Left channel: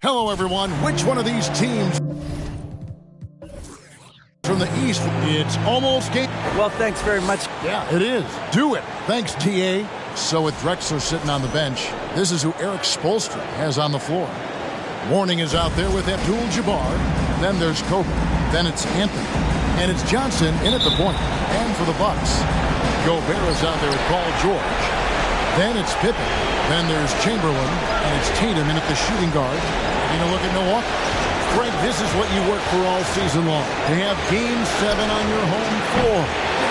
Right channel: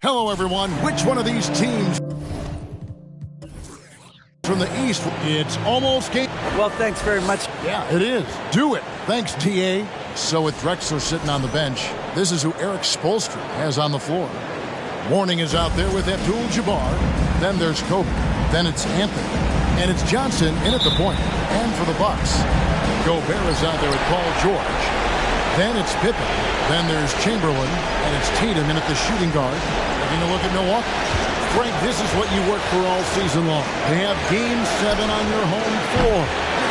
Hello, everyone. Which one of these teams from the East? It's almost game. Well, thanks very much. Yeah, it is. Do it. Thanks, TA. So with Drexler sitting on the bench, this is who Eric Spoelstra has on the floor. Warning is out there with Abdul-Jabbar. Then there's Kobe. Then it's Anthony. And it's Johnson in at the point. And for the Bucks, Gobert is out there with Paul George. Then it's Pippen. Then there's Chamberlain. And it's Tatum in at the shooting guard. Taking a look at Milwaukee. Frank, this is what you work for all season long. To have Game 7 on your home floor.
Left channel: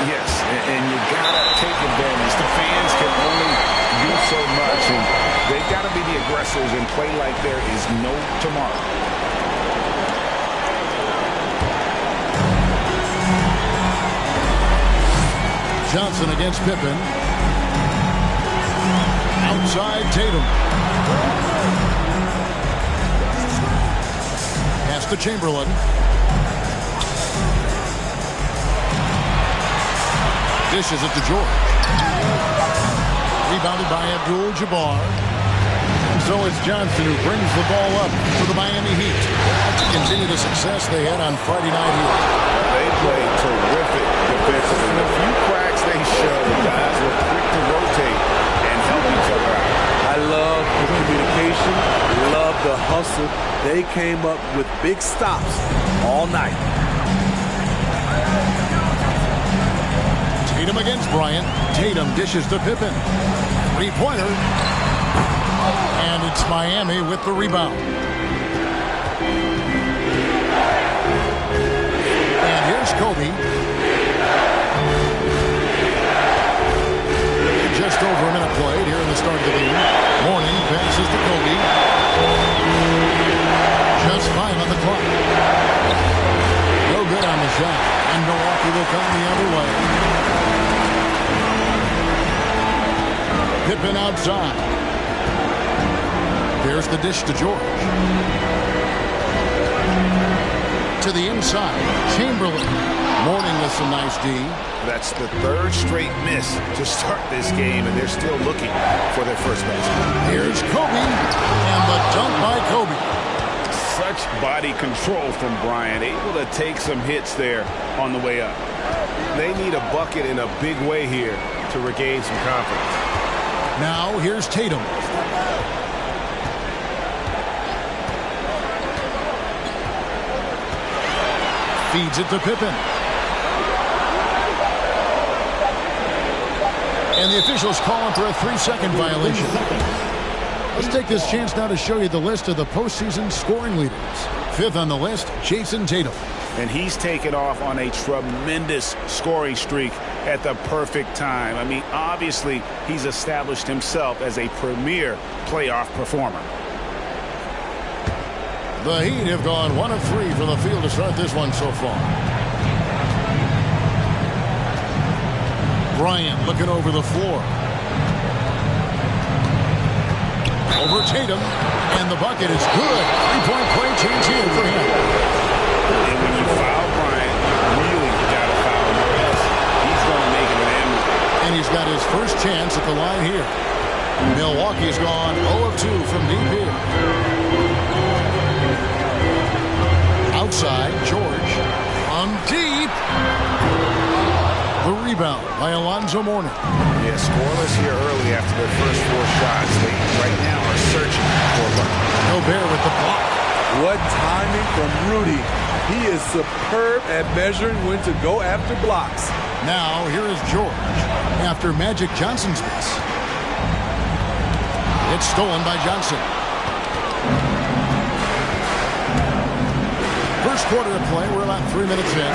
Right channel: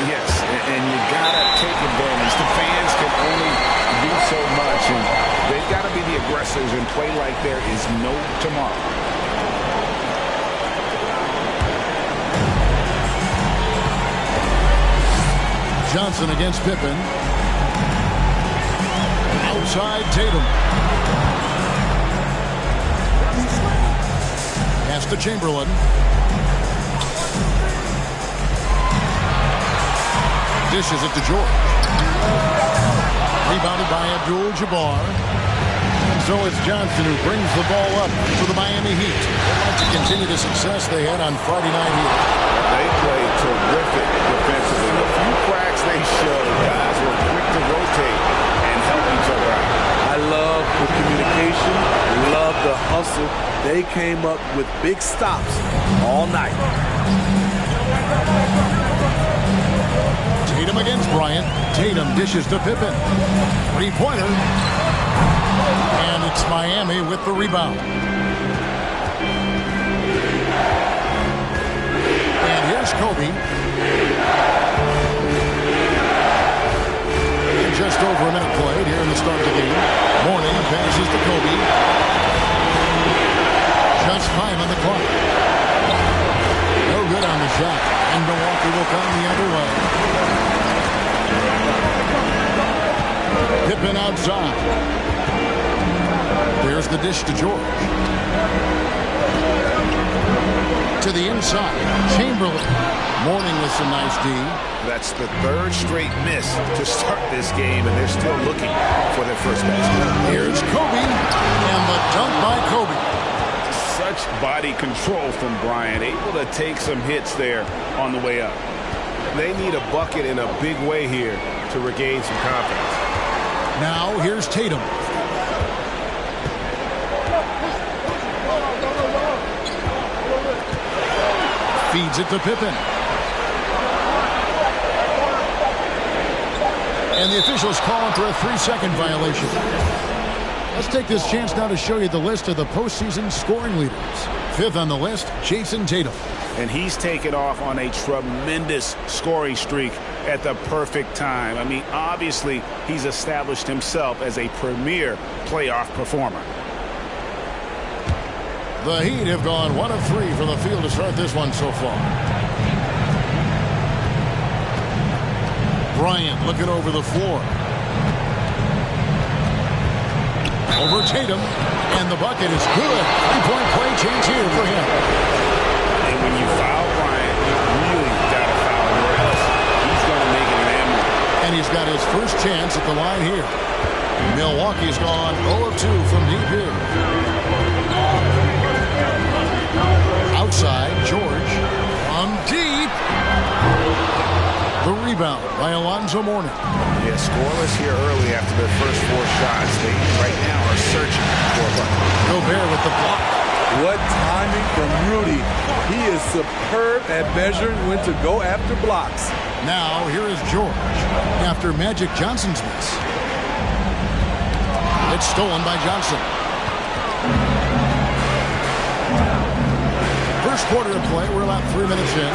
Yes, and you gotta take advantage. The fans can only do so much, and they've got to be the aggressors and play like there is no tomorrow. Johnson against Pippen. Outside Tatum. Pass to Chamberlain. Dishes it to George. Rebounded by Abdul-Jabbar. And so it's Johnson who brings the ball up for the Miami Heat. They'd like to continue the success they had on Friday night here. They played terrific defensively. The few cracks they showed, guys were quick to rotate and help each other out. I love the communication, love the hustle. They came up with big stops all night. Tatum against Bryant. Tatum dishes to Pippen. Three-pointer. And it's Miami with the rebound. And here's Kobe. And just over a minute played here in the start of the game. Mourning passes to Kobe. Just 5 on the clock. No good on the shot. And Milwaukee will come the other way. Pippen outside. There's the dish to George. To the inside. Chamberlain. Mourning with some nice D. That's the third straight miss to start this game, and they're still looking for their first basket. Here's Kobe. And the dunk by Kobe. Such body control from Bryant, able to take some hits there on the way up. They need a bucket in a big way here to regain some confidence. Now here's Tatum. Feeds it to Pippen. And the officials call him for a 3-second violation. Let's take this chance now to show you the list of the postseason scoring leaders. Fifth on the list, Jason Tatum. And he's taken off on a tremendous scoring streak at the perfect time. I mean, obviously, he's established himself as a premier playoff performer. The Heat have gone 1 of 3 from the field to start this one so far. Bryant looking over the floor. Over Tatum, and the bucket is good. 3-point play chance here for him. And when you foul Bryant, you really got to foul him, or else he's going to make it an and one. And he's got his first chance at the line here. Milwaukee's gone 0 of 2 from deep here. Outside, George from deep. The rebound by Alonzo Mourning. Yeah, scoreless here early after their first 4 shots. They right now are searching for a bucket. Gobert with the block. What timing from Rudy. He is superb at measuring when to go after blocks. Now here is George after Magic Johnson's miss. It's stolen by Johnson. First quarter of play. We're about 3 minutes in.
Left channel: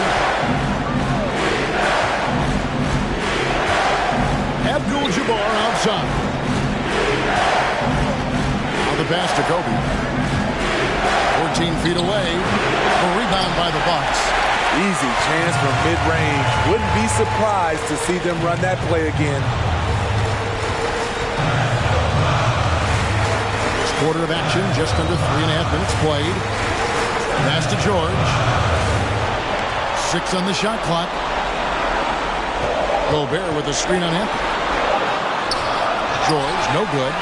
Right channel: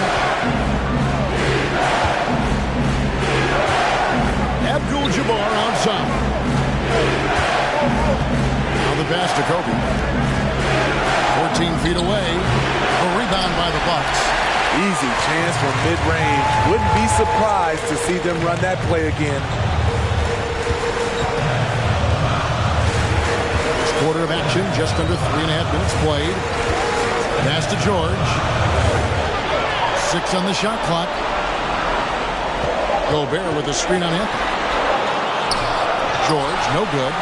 Abdul-Jabbar outside. Now the pass to Kobe. 14 feet away. A rebound by the Bucks. Easy chance from mid-range. Wouldn't be surprised to see them run that play again. First quarter of action, just under 3.5 minutes played. Pass to George. 6 on the shot clock. Gobert with a screen on Anthony. George, no good.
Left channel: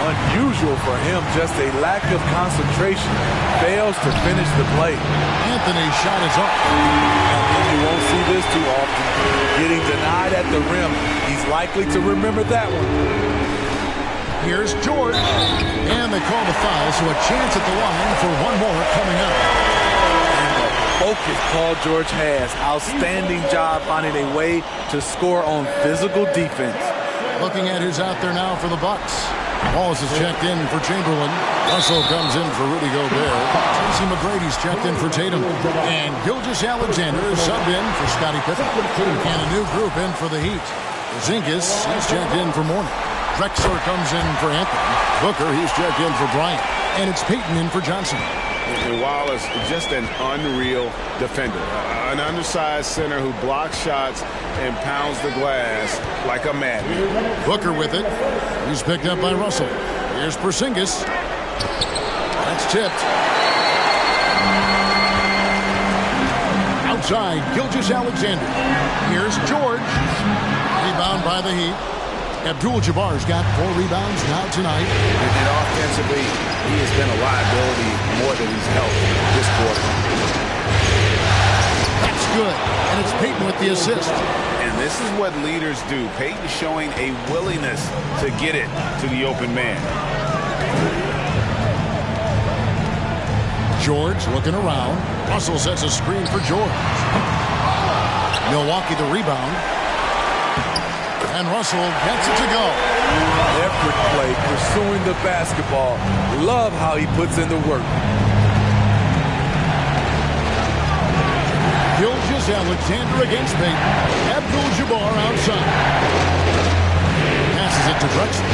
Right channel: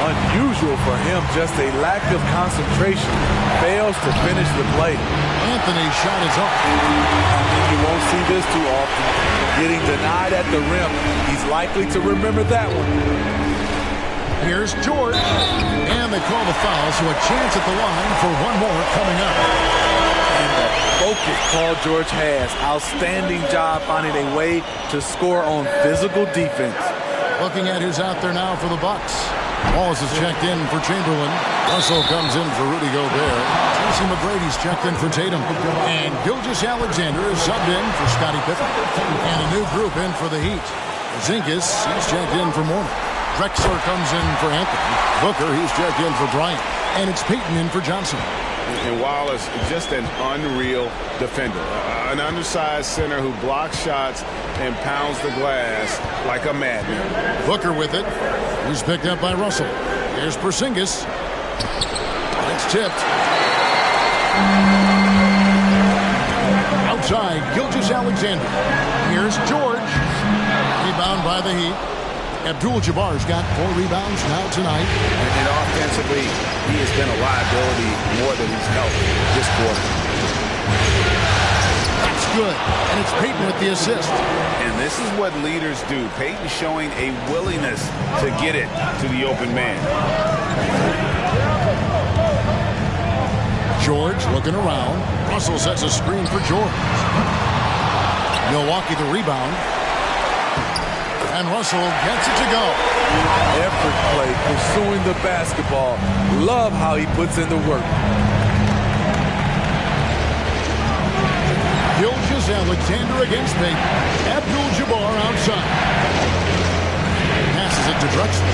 Unusual for him, just a lack of concentration. Fails to finish the play. Anthony's shot is off. I mean, you won't see this too often. Getting denied at the rim. He's likely to remember that one. Here's George. And they call the foul, so a chance at the line for one more coming up. And the focus Paul George has. Outstanding job finding a way to score on physical defense. Looking at who's out there now for the Bucks. Wallace is checked in for Chamberlain. Russell comes in for Rudy Gobert. Tracy McGrady's checked in for Tatum. And Gilgeous-Alexander is subbed in for Scottie Pippen. And a new group in for the Heat. Porzingis, he's checked in for Mourning. Drexler comes in for Anthony. Booker, he's checked in for Bryant. And it's Payton in for Johnson. And Wallace, just an unreal defender. An undersized center who blocks shots and pounds the glass like a madman. Booker with it. He's picked up by Russell. Here's Porzingis. That's tipped. Outside, Gilgeous-Alexander. Here's George. Rebound by the Heat. Abdul-Jabbar's got 4 rebounds now tonight. And offensively, he has been a liability more than he's helped this quarter. That's good. And it's Payton with the assist. And this is what leaders do. Payton showing a willingness to get it to the open man. George looking around. Russell sets a screen for George. Milwaukee the rebound. And Russell gets it to go. Effort play, pursuing the basketball. Love how he puts in the work. Gilgeous-Alexander against Payton. Abdul-Jabbar outside. Passes it to Drexler.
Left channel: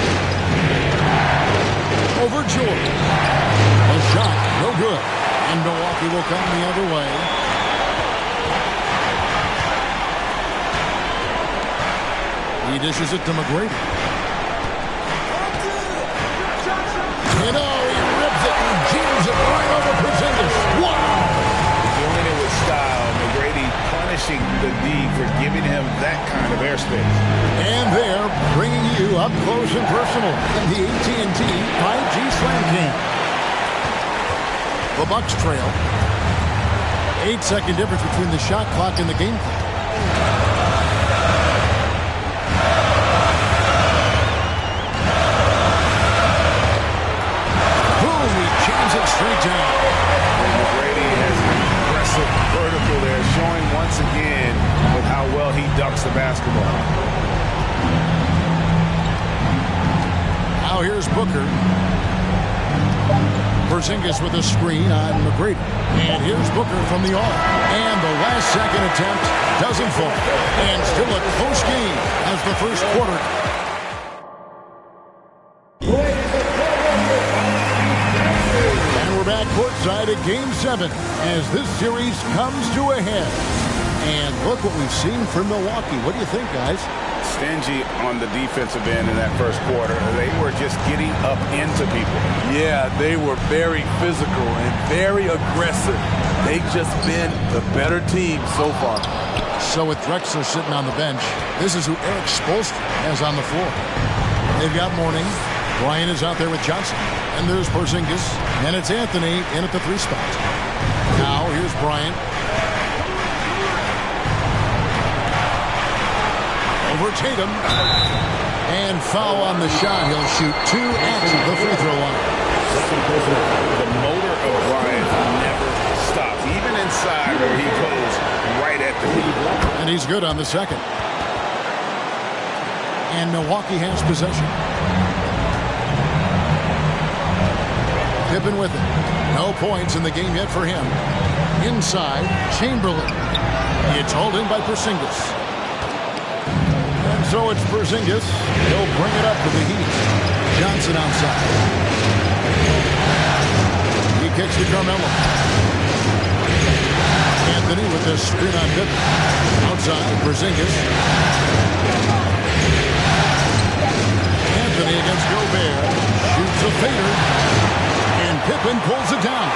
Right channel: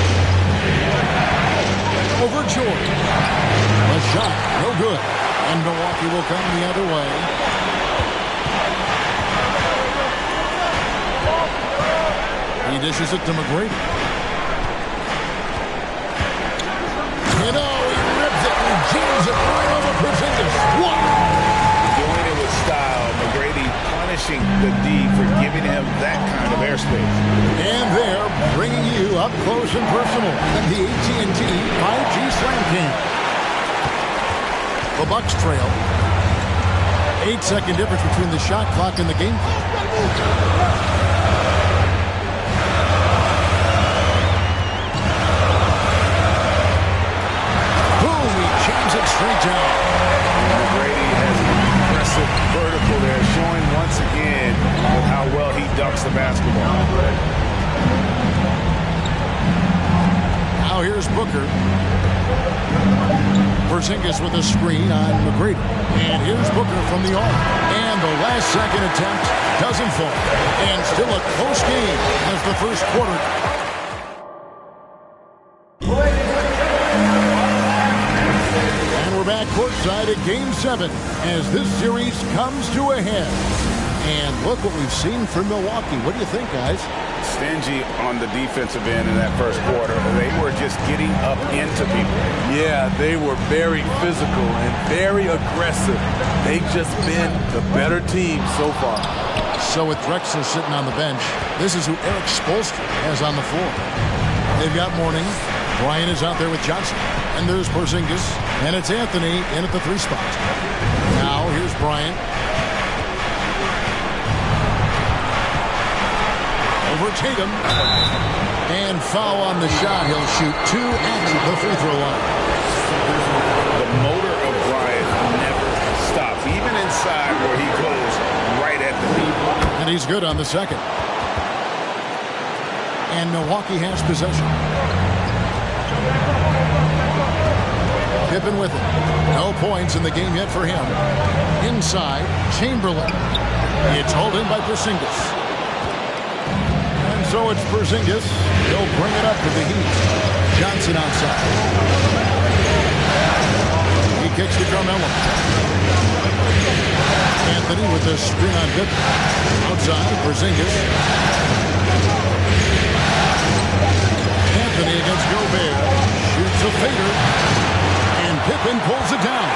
Over George. The shot, no good. And Milwaukee will come the other way. He dishes it to McGrady. You know, he rips it and jams it right over Porzingis. Wow! Doing it with style. McGrady punishing the D for giving him that kind of airspace. And they're bringing you up close and personal in the AT&T 5G Slam Cam. The Bucks trail. 8-second difference between the shot clock and the game clock. Boom, he jams it straight down. And McGrady has an impressive vertical there, showing once again with how well he ducks the basketball. Now here's Booker. Porzingis with a screen on McGrady. And here's Booker from the arc. And the last second attempt doesn't fall. And still a close game as the first quarter. And we're back courtside at Game 7 as this series comes to a head. And look what we've seen from Milwaukee. What do you think, guys? Stingy on the defensive end in that first quarter. They were just getting up into people. Yeah, they were very physical and very aggressive. They've just been the better team so far. So with Drexler sitting on the bench, this is who Erik Spoelstra has on the floor. They've got Mourning. Bryant is out there with Johnson. And there's Porzingis. And it's Anthony in at the 3 spot. Now here's Bryant. Over Tatum. And foul on the shot. He'll shoot 2 at the free throw line. The motor of Bryant never stops, even inside where he goes right at the lead. And he's good on the second. And Milwaukee has possession. Pippen with it. No points in the game yet for him. Inside, Chamberlain. It's hauled in by Porzingis. And so it's Porzingis. He'll bring it up for the Heat. Johnson outside. He kicks to Carmelo. Anthony with the screen on Pippen. Outside, Porzingis. Anthony against Gobert. Shoots a fader. And Pippen pulls it down.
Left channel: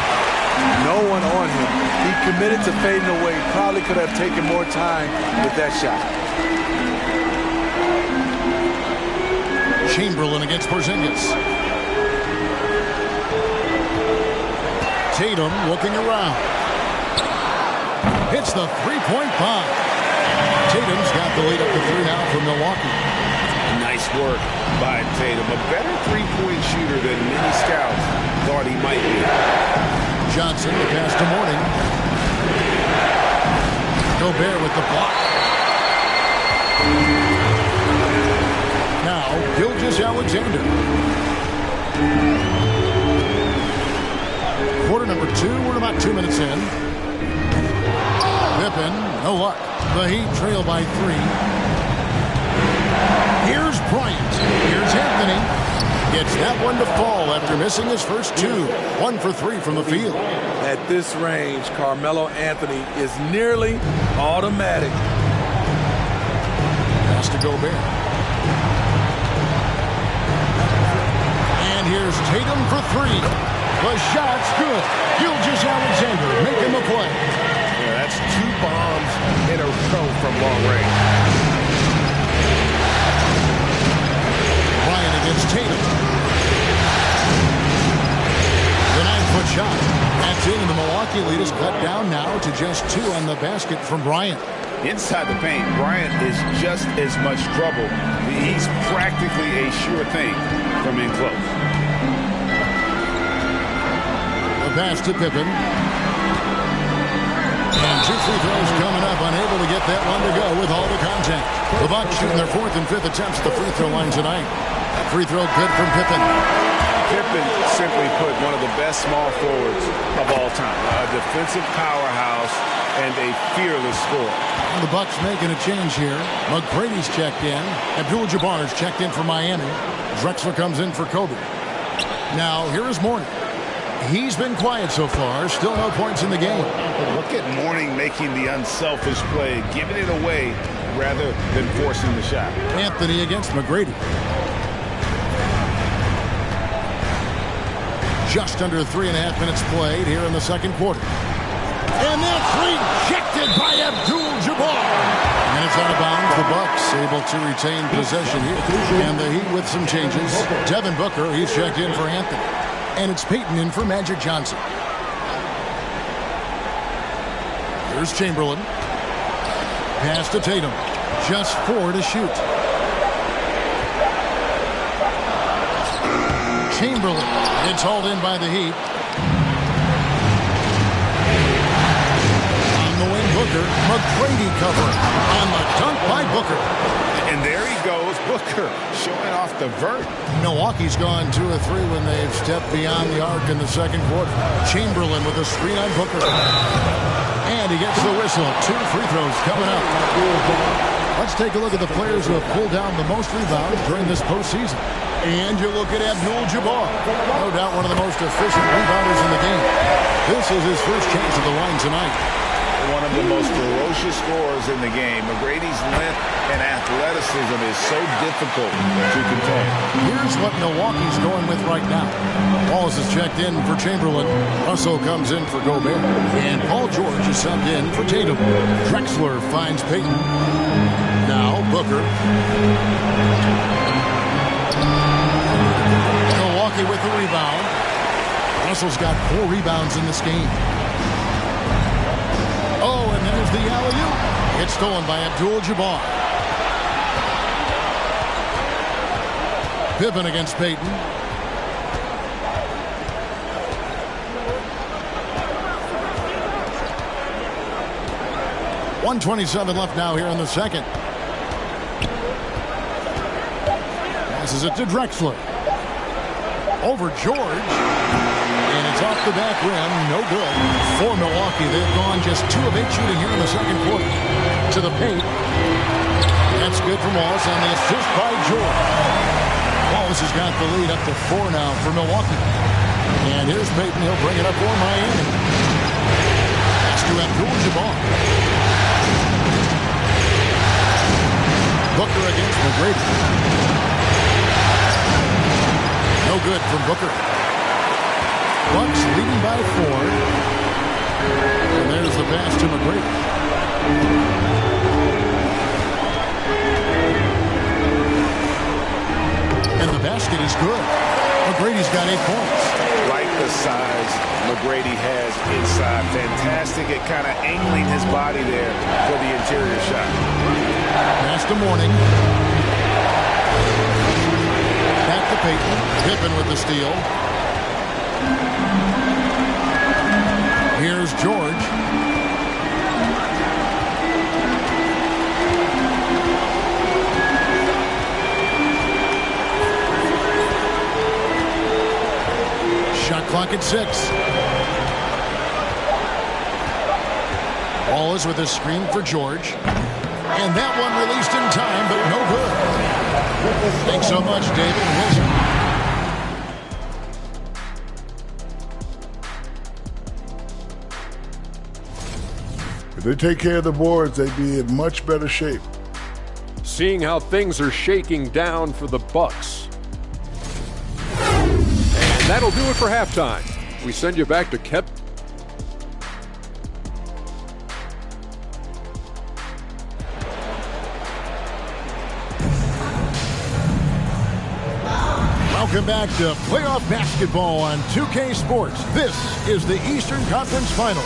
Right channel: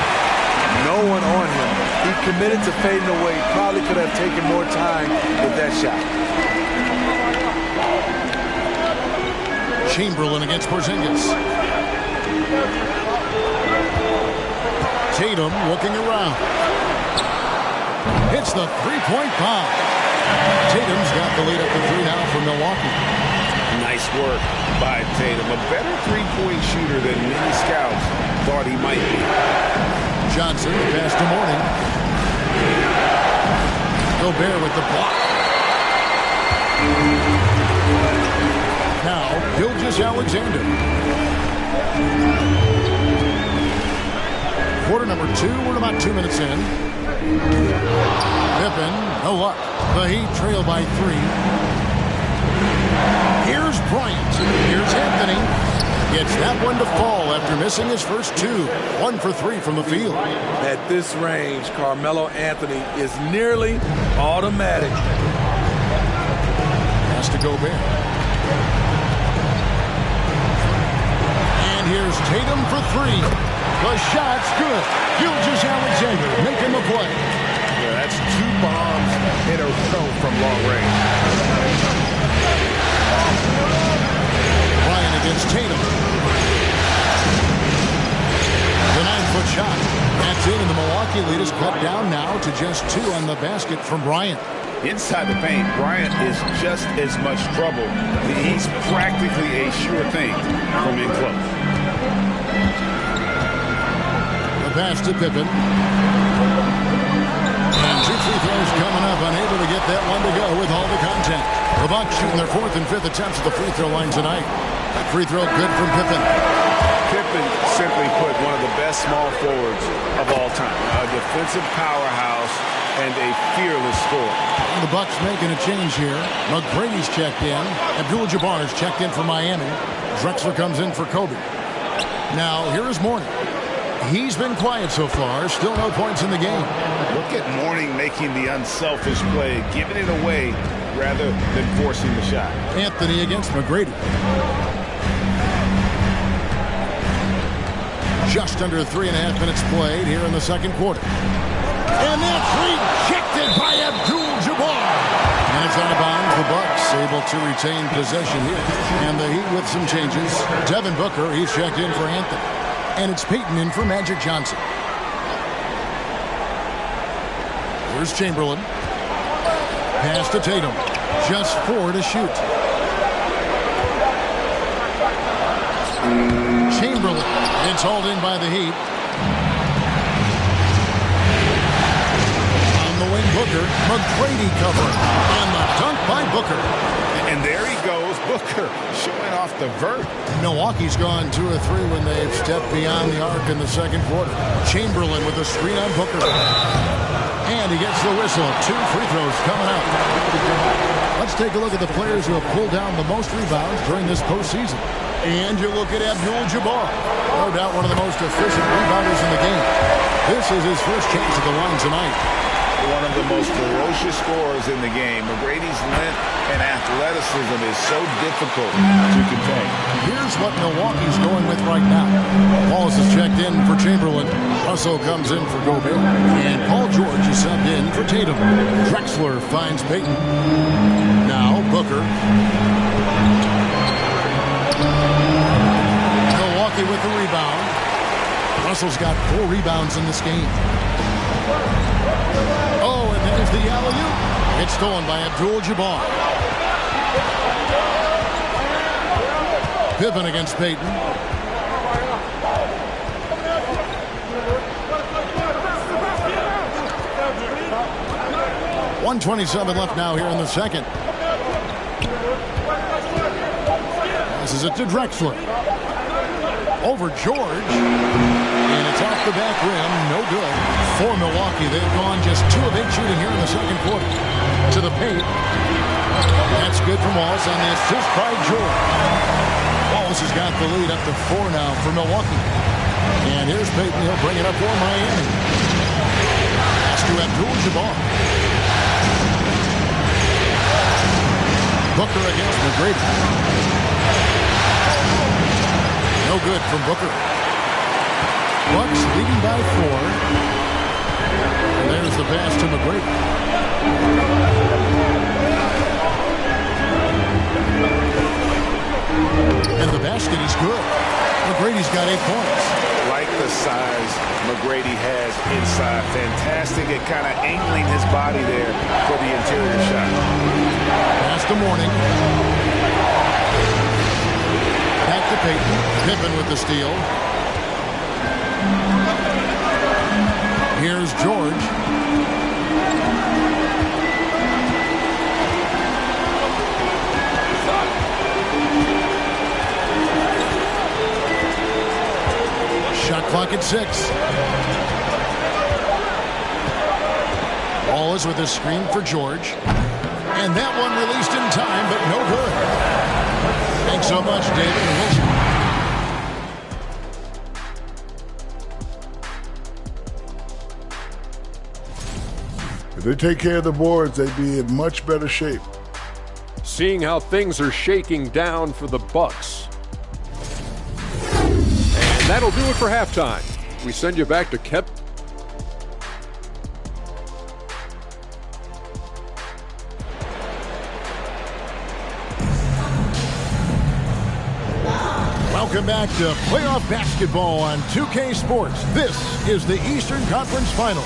No one on him. He committed to fading away. Probably could have taken more time with that shot. Chamberlain against Porzingis. Tatum looking around. Hits the three-point bomb. Tatum's got the lead up to 3 now for Milwaukee. Nice work by Tatum. A better three-point shooter than many scouts thought he might be. Johnson, the pass to Mourning. Gobert with the block. Now, Gilgeous-Alexander. Quarter number 2. We're about 2 minutes in. Pippen, no luck. The Heat trail by 3. Here's Bryant. Here's Anthony. Gets that one to fall after missing his first 2. 1 for 3 from the field. At this range, Carmelo Anthony is nearly automatic. Pass to Gobert. And here's Tatum for 3. The shot's good. Gilgeous-Alexander making the play. Yeah, that's 2 bombs in a row from long range. Bryant against Tatum. The 9-foot shot. That's in, and the Milwaukee lead is cut down now to just 2 on the basket from Bryant. Inside the paint, Bryant is just as much trouble. He's practically a sure thing from in close. The pass to Pippen. And 2 free throws coming up, unable to get that one to go with all the contact. The Bucks shooting their 4th and 5th attempts at the free throw line tonight. That free throw good from Pippen. Pippen, simply put, one of the best small forwards of all time. A defensive powerhouse and a fearless scorer. And the Bucks making a change here. McGrady's checked in. Abdul-Jabbar's checked in for Miami. Drexler comes in for Kobe. Now, here is Mourning. He's been quiet so far. Still no points in the game. Look at Mourning making the unselfish play, giving it away rather than forcing the shot. Anthony against McGrady. Just under 3.5 minutes played here in the second quarter. And that's rejected by Abdul-Jabbar. And it's out of bounds. The Bucks able to retain possession here. And the Heat with some changes. Devin Booker, he's checked in for Anthony. And it's Payton in for Magic Johnson. Here's Chamberlain. Pass to Tatum. Just 4 to shoot. Chamberlain. It's hauled in by the Heat. On the wing, Booker. McGrady covering. And the dunk by Booker. And there he goes, Booker, showing off the vert. Milwaukee's gone 2 of 3 when they've stepped beyond the arc in the second quarter. Chamberlain with a screen on Booker. And he gets the whistle. 2 free throws coming up. Let's take a look at the players who have pulled down the most rebounds during this postseason. And you look at Abdul-Jabbar. No doubt one of the most efficient rebounders in the game. This is his first chance at the line tonight. One of the most ferocious scorers in the game. McGrady's length and athleticism is so difficult to contain. Here's what Milwaukee's going with right now. Wallace is checked in for Chamberlain. Russell comes in for Gobert. And Paul George is subbed in for Tatum. Drexler finds Payton. Now Booker. Milwaukee with the rebound. Russell's got 4 rebounds in this game. Oh, and there's the alley-oop. It's stolen by Abdul-Jabbar. Pippen against Payton. .127 left now here in the second. Passes it to Drexler. Over George. And it's off the back rim. No good. For Milwaukee, they've gone just 2 of 8 shooting here in the second quarter. To the paint. That's good from Wallace on the assist by George. Wallace has got the lead up to 4 now for Milwaukee. And here's Payton. He'll bring it up for Miami. Pass to Abdul-Jabbar. Booker against McGrady. No good from Booker. Bucks leading by 4. And there's the pass to McGrady. And the basket is good. McGrady's got 8 points. Like the size McGrady has inside. Fantastic at kind of angling his body there for the interior shot. Pass to Mourning. Back to Payton. Pippen with the steal. Here's George. Shot clock at 6. Ball is with a screen for George. And that one released in time, but no good. Thanks so much, David and Wilson. If they take care of the boards, they'd be in much better shape. Seeing how things are shaking down for the Bucks. And that'll do it for halftime. We send you back to Kep. Welcome back to playoff basketball on 2K Sports. This is the Eastern Conference Final.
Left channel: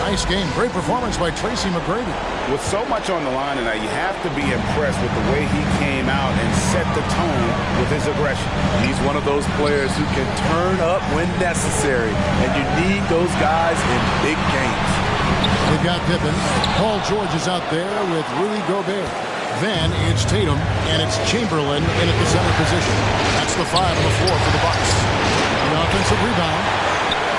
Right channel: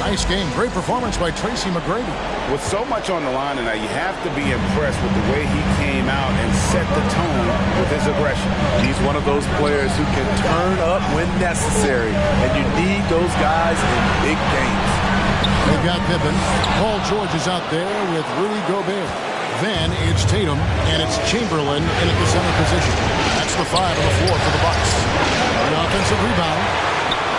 Nice game. Great performance by Tracy McGrady. With so much on the line tonight, you have to be impressed with the way he came out and set the tone with his aggression. He's one of those players who can turn up when necessary, and you need those guys in big games. They've got Pippen. Paul George is out there with Rudy Gobert. Then it's Tatum, and it's Chamberlain in at the center position. That's the 5 on the floor for the Bucks. The offensive rebound.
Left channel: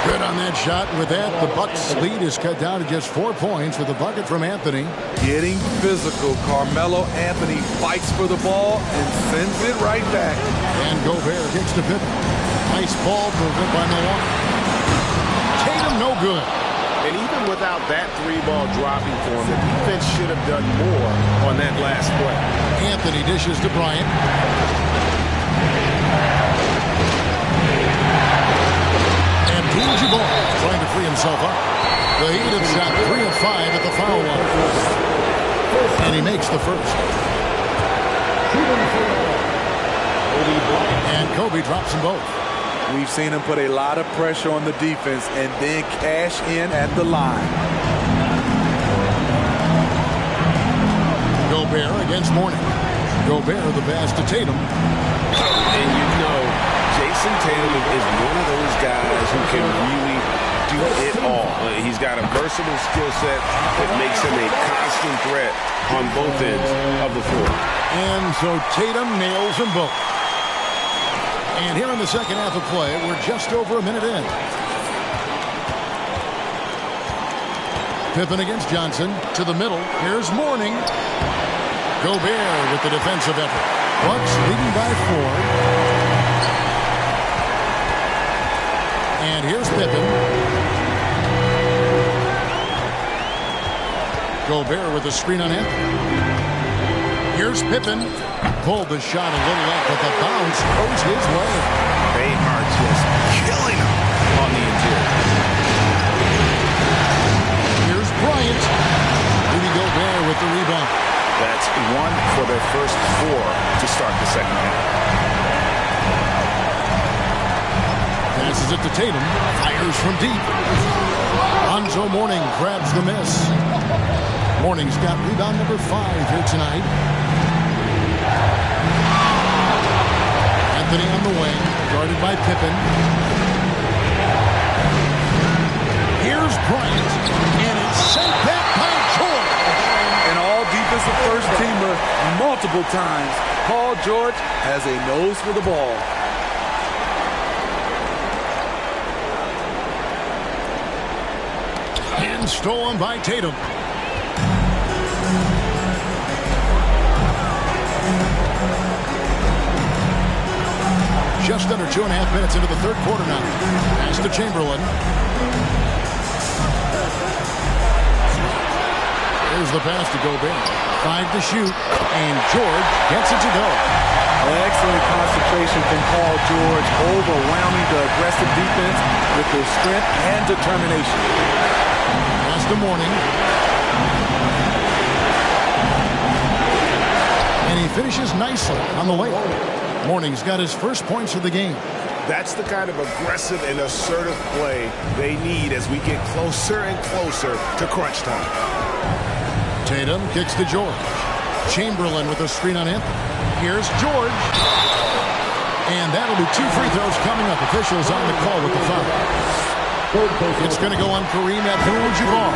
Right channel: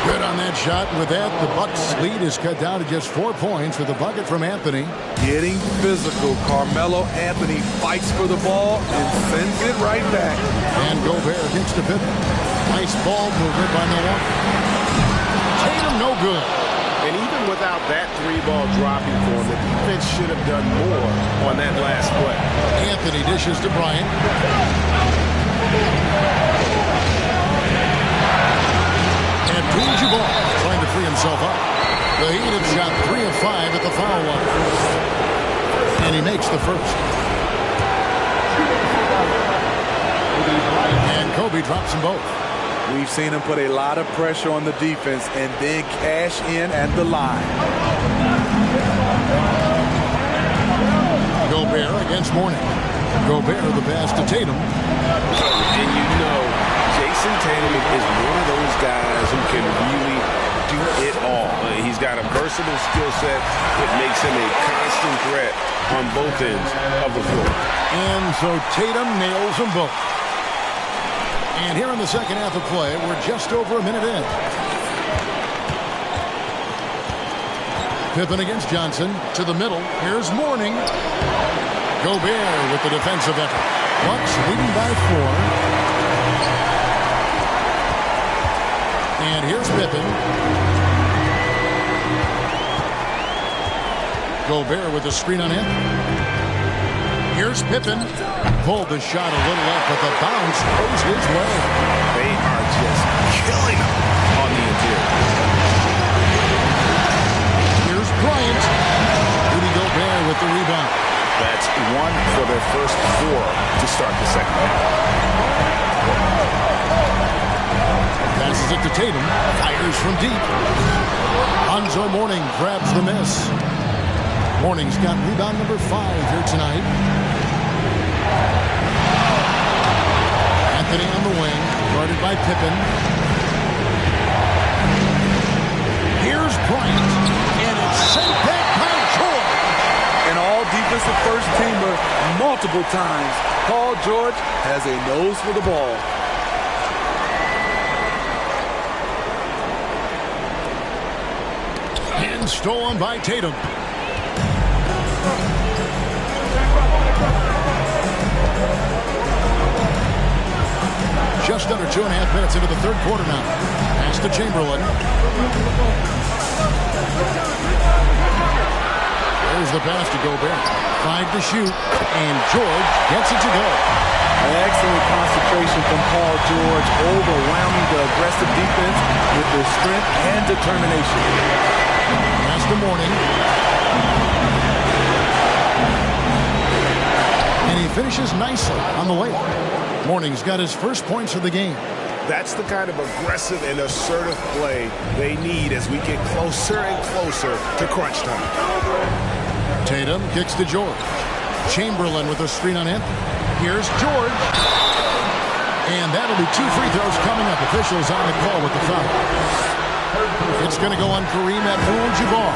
Good on that shot. With that, the Bucks' lead is cut down to just 4 points with a bucket from Anthony. Getting physical. Carmelo Anthony fights for the ball and sends it right back. And Gobert kicks to Pippen. Nice ball movement by Milwaukee. Tatum no good. And even without that 3-ball dropping for him, the defense should have done more on that last play. Anthony dishes to Bryant. Abdul-Jabbar trying to free himself up. The Heat have shot 3 of 5 at the foul line. And he makes the first. And Kobe drops them both. We've seen him put a lot of pressure on the defense and then cash in at the line. Gobert against Mourning. Gobert the pass to Tatum. And you know, Jason Tatum is one of those guys who can really do it all. He's got a versatile skill set that makes him a constant threat on both ends of the floor. And so Tatum nails them both. And here in the second half of play, we're just over a minute in. Pippen against Johnson to the middle. Here's Mourning. Gobert with the defensive effort. Bucks leading by 4. And here's Pippen. Gobert with a screen on Anthony. Here's Pippen. Pulled the shot a little up, but the bounce goes his way. They are just killing him on the interior. Here's Bryant. Rudy Gobert with the rebound. That's 1 for their first 4 to start the second half. Passes it to Tatum. Fires from deep. Lonzo Mourning grabs the miss. Mourning's got rebound number 5 here tonight. Anthony on the wing, guarded by Pippen. Here's Bryant, and it's sent back by George. An all-defensive first-teamer multiple times. Paul George has a nose for the ball. And stolen by Tatum. Just under 2.5 minutes into the third quarter now. Pass to Chamberlain. There's the pass to Gobert. 5 to shoot, and George gets it to go. Excellent concentration from Paul George, overwhelming the aggressive defense with their strength and determination. Pass to Mourning. And he finishes nicely on the layup. Mourning's got his first points of the game. That's the kind of aggressive and assertive play they need as we get closer and closer to crunch time. Tatum kicks to George. Chamberlain with a screen on Anthony. Here's George. And that'll be 2 free throws coming up. Officials on the call with the foul. It's going to go on Kareem Abdul-Jabbar.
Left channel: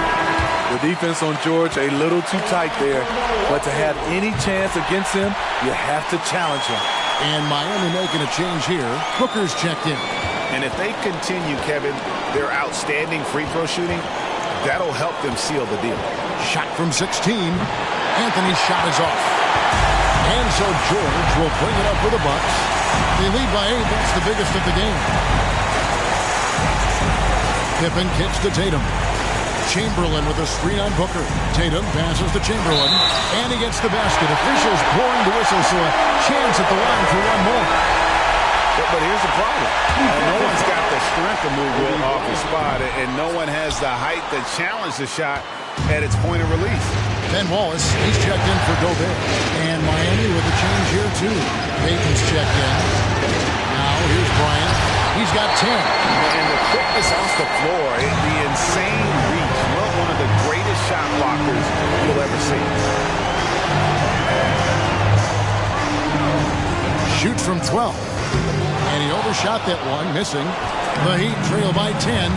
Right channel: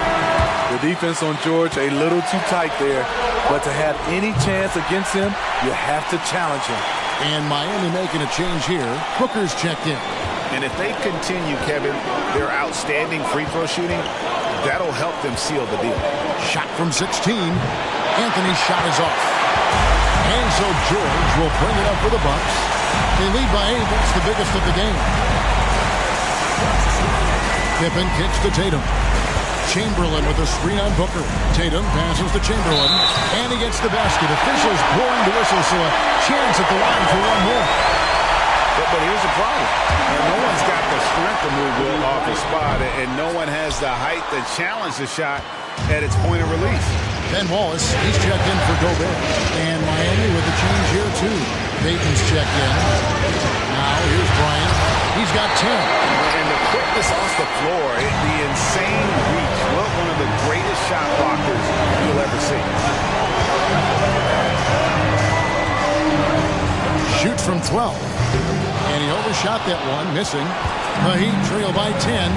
The defense on George a little too tight there. But to have any chance against him, you have to challenge him. And Miami making a change here. Booker's checked in. And if they continue, Kevin, their outstanding free throw shooting, that'll help them seal the deal. Shot from 16. Anthony's shot is off. And so George will bring it up for the Bucks. They lead by 8. That's the biggest of the game. Pippen kicks to Tatum. Chamberlain with a screen on Booker. Tatum passes to Chamberlain. And he gets the basket. Officials blowing the whistle, so a chance at the line for one more. But here's the problem. No one's got the strength to move Will off his spot, and no one has the height to challenge the shot at its point of release. Ben Wallace, he's checked in for Gobert. And Miami with a change here, too. Payton's checked in. Now, here's Bryant. He's got 10. And the quickness off the floor, the insane reach. Well, one of the greatest shot blockers you'll ever see. Shoots from 12. And he overshot that one, missing. The Heat trail by 10.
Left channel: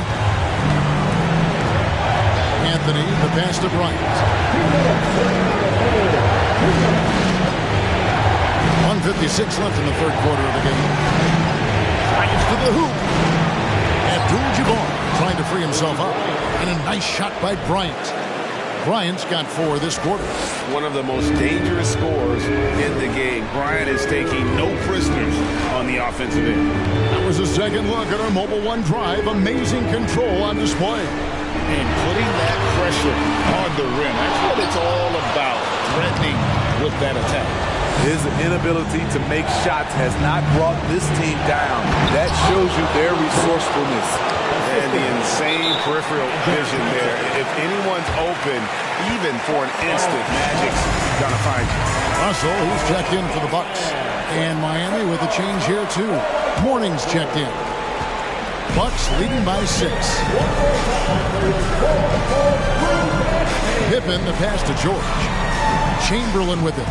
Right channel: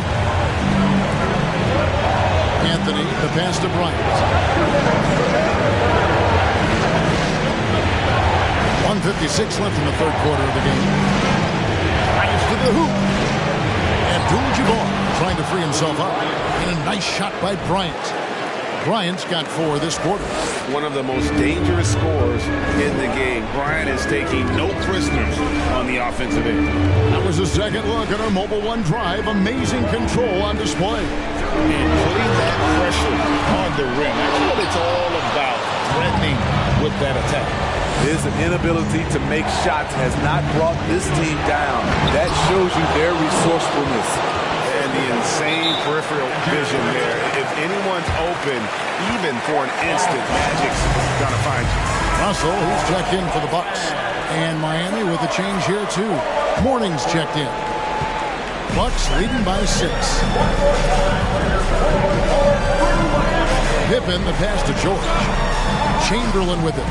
Anthony, the pass to Bryant. 1:56 left in the third quarter of the game. Bryant to the hoop. Abdul-Jabbar trying to free himself up. And a nice shot by Bryant. Bryant's got 4 this quarter. One of the most dangerous scorers in the game. Bryant is taking no prisoners on the offensive end. That was a second look at our Mobile One drive. Amazing control on display. And putting that pressure on the rim. That's what it's all about, threatening with that attack. His inability to make shots has not brought this team down. That shows you their resourcefulness. And the insane peripheral vision there. If anyone's open, even for an instant, Magic's gonna find you. Russell, he's checked in for the Bucks. And Miami with a change here, too. Morning's checked in. Bucks leading by 6. Pippen, the pass to George. Chamberlain with it.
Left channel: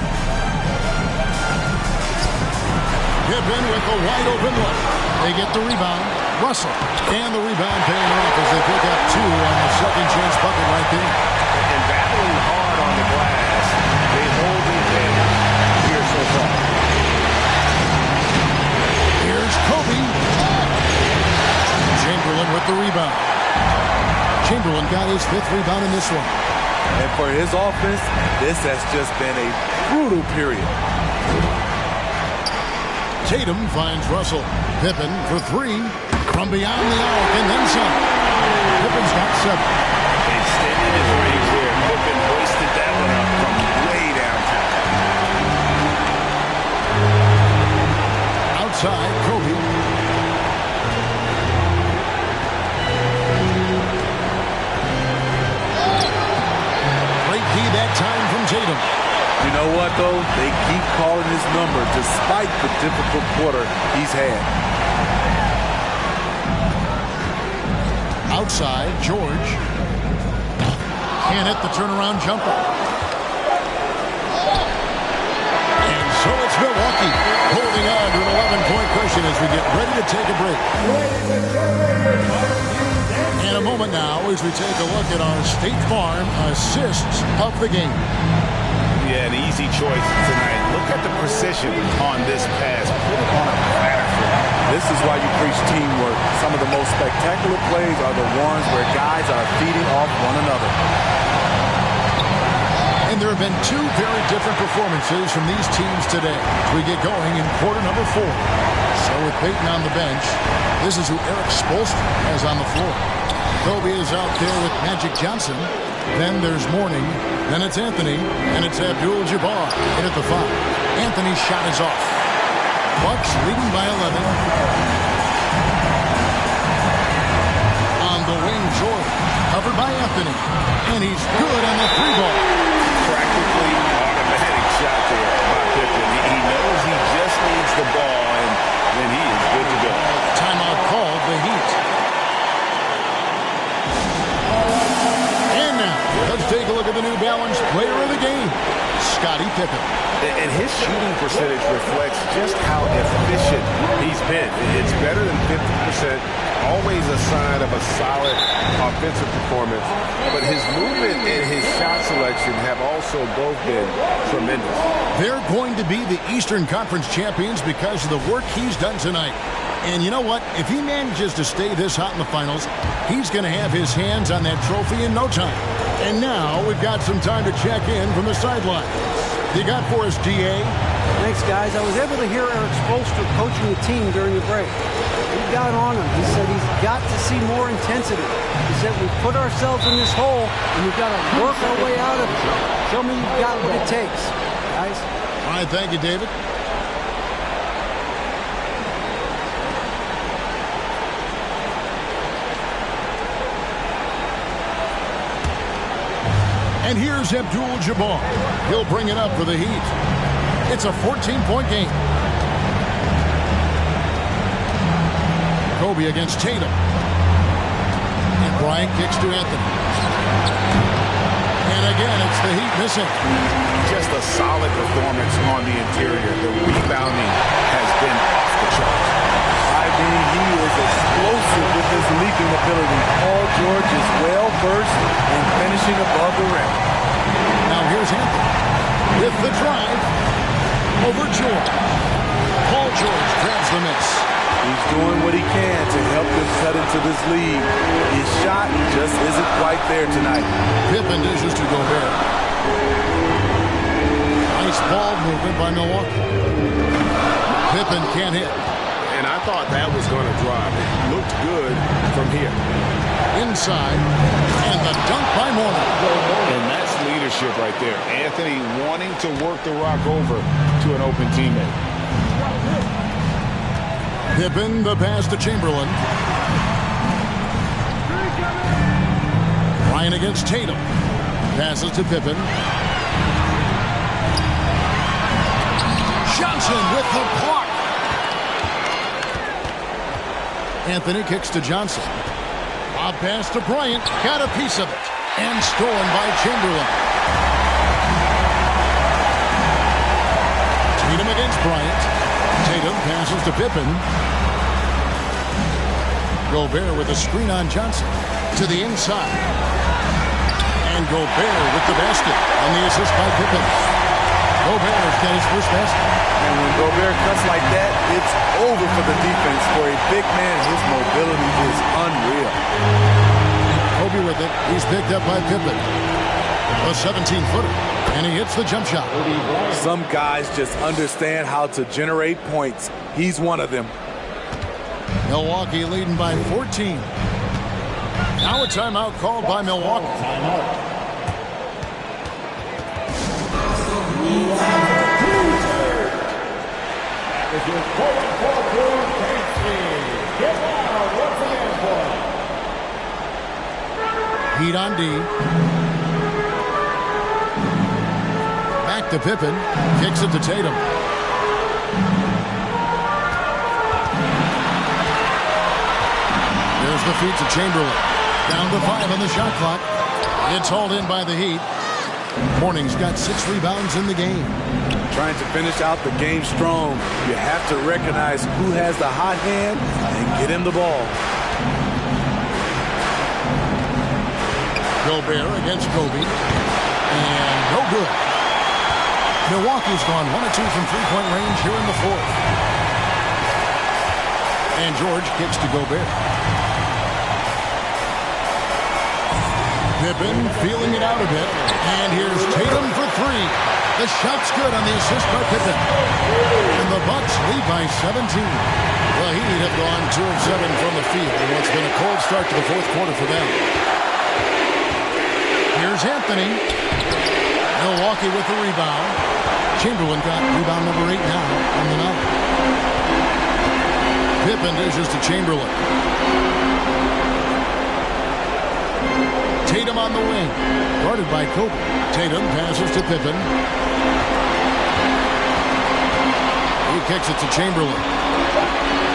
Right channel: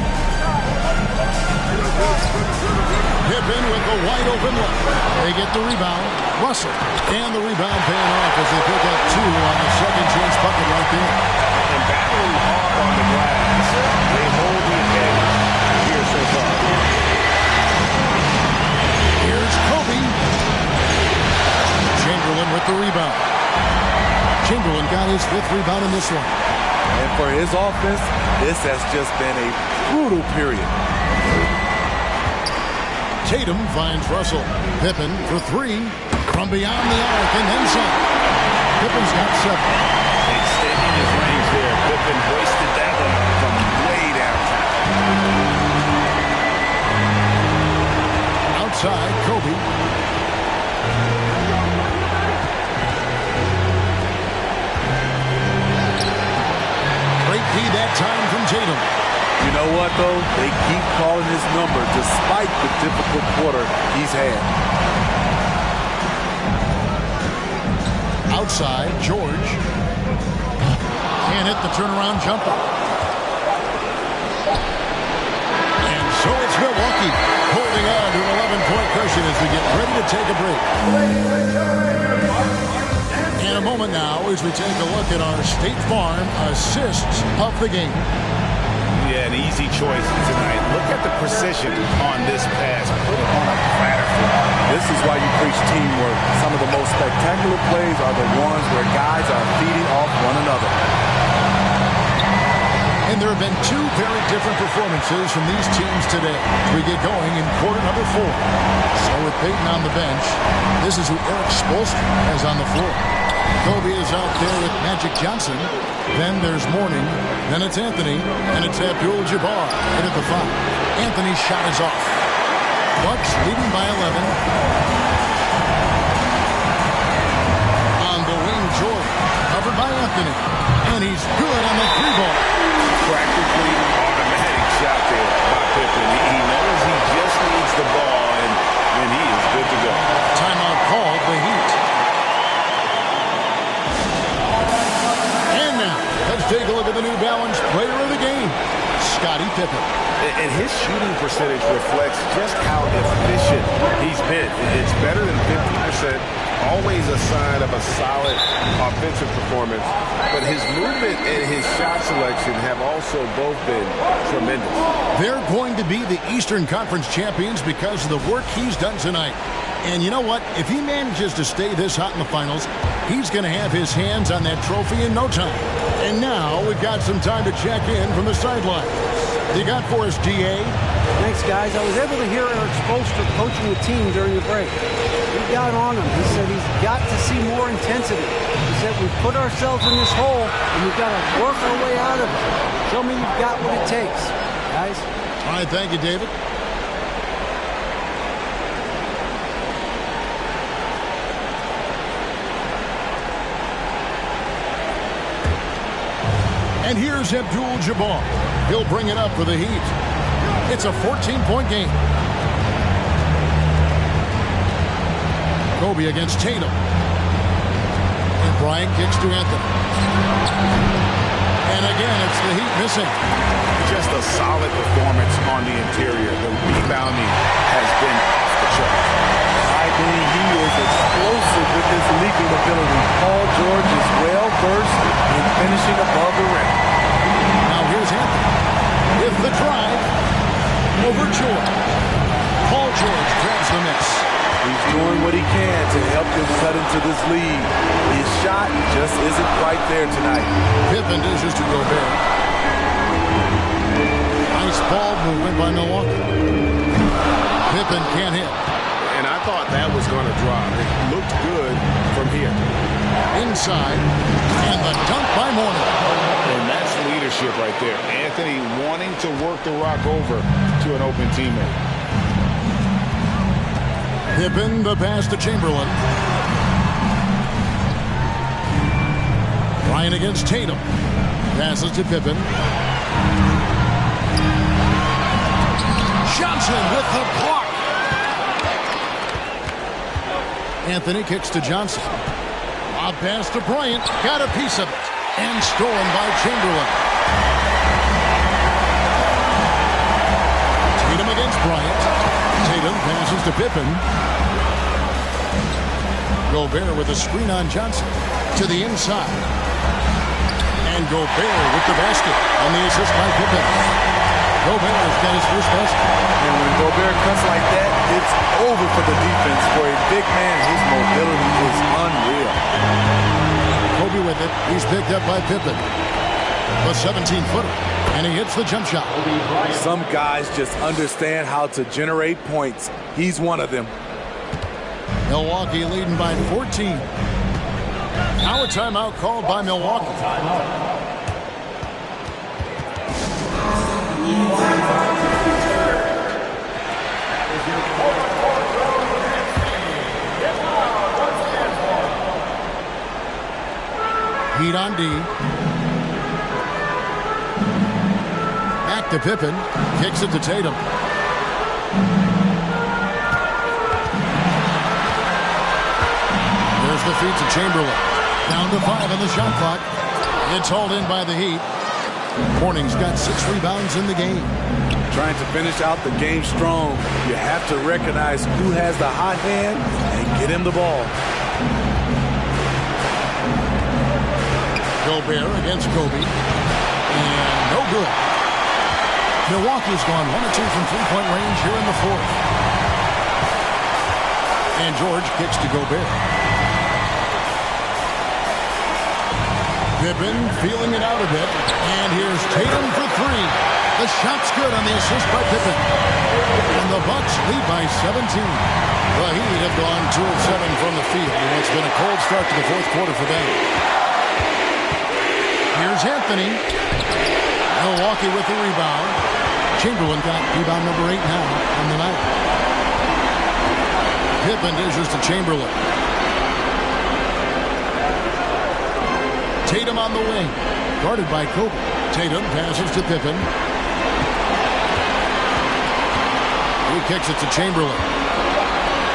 Pippen with the wide open look. They get the rebound. Russell. And the rebound paying off as they pick up 2 on the second chance bucket right there. And battling hard on the glass, they hold the advantage here so far. Here's Kobe. Chamberlain with the rebound. Chamberlain got his 5th rebound in this one. And for his offense, this has just been a brutal period. Tatum finds Russell. Pippen for 3 from beyond the arc and then some. Pippen's got 7. Extending his range there. Pippen hoisted that one up from way downtown. Outside, Kobe. Great key that time from Tatum. You know what, though? They keep calling his number despite the difficult quarter he's had. Outside, George. Can't hit the turnaround jumper. And so it's Milwaukee holding on to an 11-point cushion as we get ready to take a break. In a moment now as we take a look at our State Farm assists of the game. Yeah, an easy choice tonight. Look at the precision on this pass. Put it on a platter for him. This is why you preach teamwork. Some of the most spectacular plays are the ones where guys are feeding off one another. And there have been 2 very different performances from these teams today as we get going in quarter number 4. So with Payton on the bench, this is who Eric Spoelstra has on the floor. Kobe is out there with Magic Johnson. Then there's Mourning. Then it's Anthony. And it's Abdul-Jabbar in at the 5. Anthony's shot is off. Bucks leading by 11. On the wing, Jordan. Covered by Anthony. And he's good on the 3-ball. Practically automatic shot there by Pippen. He knows he just needs the ball, and and he is good to go. Timeout called the Heat. And now, let's take a look at the New Balance player of the game, Scottie Pippen. And his shooting percentage reflects just how efficient he's been. It's better than 50%, always a sign of a solid offensive performance. But his movement and his shot selection have also both been tremendous. They're going to be the Eastern Conference champions because of the work he's done tonight. And you know what? If he manages to stay this hot in the finals, he's going to have his hands on that trophy in no time. And now we've got some time to check in from the sidelines. You got for us, D.A.? Thanks, guys. I was able to hear Eric Spoelstra coaching the team during the break. He got on him. He said he's got to see more intensity. He said we've put ourselves in this hole, and we've got to work our way out of it. Show me you've got what it takes, guys. All right, thank you, David. And here's Abdul-Jabbar. He'll bring it up for the Heat. It's a 14-point game. Kobe against Tatum. And Bryant kicks to Anthony. And again, it's the Heat missing. Just a solid performance on the interior. The rebounding has been off the charts. He is explosive with his leaping ability. Paul George is well versed in finishing above the rim. Now here's Anthony with the drive over George. Paul George grabs the miss. He's doing what he can to help them cut into this lead. His shot just isn't quite there tonight. Pippen dishes to Gobert. Nice ball movement by Milwaukee. Pippen can't hit. And I thought that was going to drop. It looked good from here. Inside, and the dunk by Mourning. And that's leadership right there. Anthony wanting to work the rock over to an open teammate. Pippen, the pass to Chamberlain. Bryant against Tatum. Passes to Pippen. Johnson with the block. Anthony kicks to Johnson. Lob pass to Bryant. Got a piece of it. And stolen by Chamberlain. Tatum against Bryant. Tatum passes to Pippen. Gobert with a screen on Johnson. To the inside. And Gobert with the basket on the assist by Pippen. Gobert's got his first basket. And when Gobert cuts like that, it's over for the defense. For a big man, his mobility is unreal. Kobe with it. He's picked up by Pippen. A 17-footer. And he hits the jump shot. Some guys just understand how to generate points. He's one of them. Milwaukee leading by 14. Now a timeout called by Milwaukee. Heat on D. Back to Pippen. Kicks it to Tatum. There's the feed to Chamberlain. Down to 5 on the shot clock. It's hauled in by the Heat. Mourning's got 6 rebounds in the game. Trying to finish out the game strong. You have to recognize who has the hot hand and get him the ball. Gobert against Kobe. And no good. Milwaukee's gone 1 of 2 from three-point range here in the fourth. And George kicks to Gobert. Pippen feeling it out a bit. And here's Tatum for 3. The shot's good on the assist by Pippen. And the Bucks lead by 17. The Heat have gone 2 of 7 from the field in what's been a cold start to the fourth quarter for them. Here's Anthony. Milwaukee with the rebound. Chamberlain got rebound number 8 now on the night. Pippen dishes to Chamberlain. Tatum on the wing. Guarded by Kobe. Tatum passes to Pippen. He kicks it to Chamberlain.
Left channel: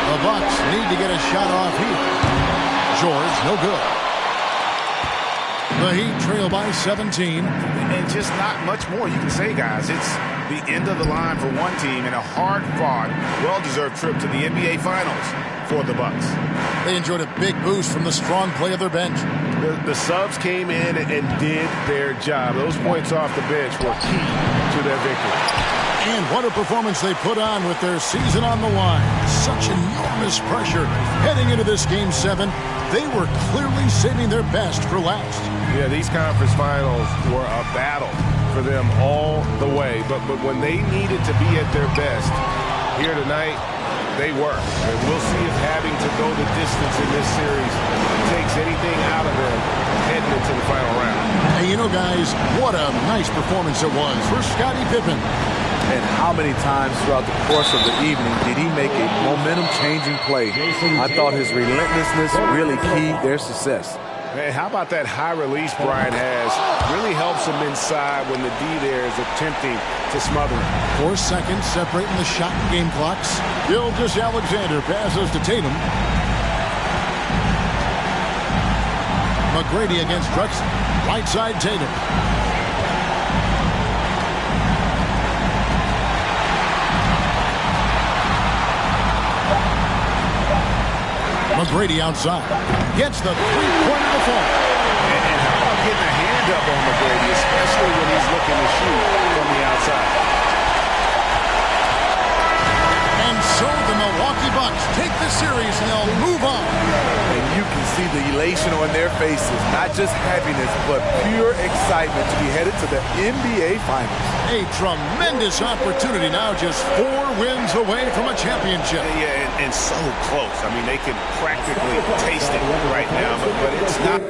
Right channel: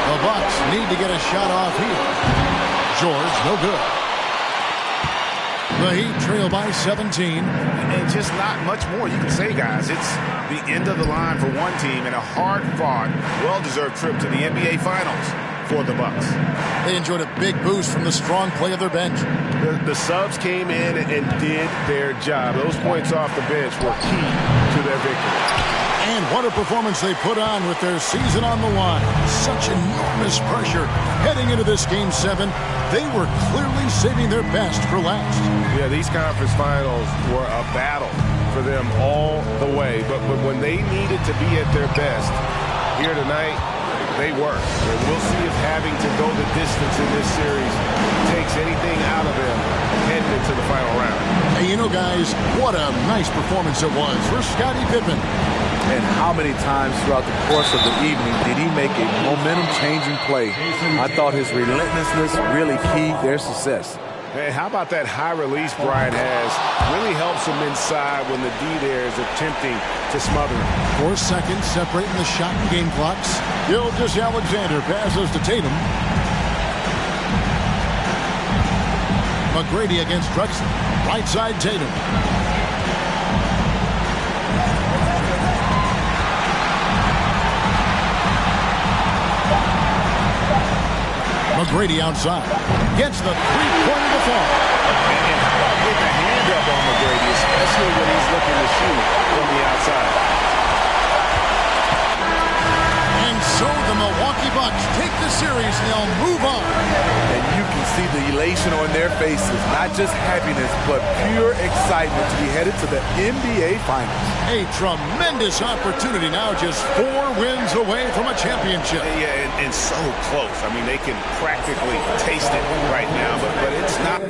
The Bucks need to get a shot off here. George, no good. The Heat trail by 17. And just not much more you can say, guys. It's the end of the line for one team and a hard-fought, well-deserved trip to the NBA Finals for the Bucks. They enjoyed a big boost from the strong play of their bench. The subs came in and did their job. Those points off the bench were key to their victory. And what a performance they put on with their season on the line. Such enormous pressure heading into this Game 7. They were clearly saving their best for last. Yeah, these conference finals were a battle for them all the way. But when they needed to be at their best here tonight, they were. And we'll see if having to go the distance in this series takes anything out of them heading into the final round. Hey, you know, guys, what a nice performance it was for Scottie Pippen. And how many times throughout the course of the evening did he make a momentum-changing play? I thought his relentlessness really keyed their success. Hey, how about that high release Brian has? Really helps him inside when the D there is attempting to smother him. 4 seconds separating the shot and game clocks. Gilgeous-Alexander passes to Tatum. McGrady against Drexler. Right side Tatum. McGrady outside. Gets the three-pointer to fall. And how about getting a hand up on McGrady, especially when he's looking to shoot from the outside. And so the Milwaukee Bucks take the series and they'll move on. And you can see the elation on their faces. Not just happiness, but pure excitement to be headed to the NBA Finals. A tremendous opportunity now, just 4 wins away from a championship. Yeah, and so close. I mean, they can practically taste it right now, but it's not.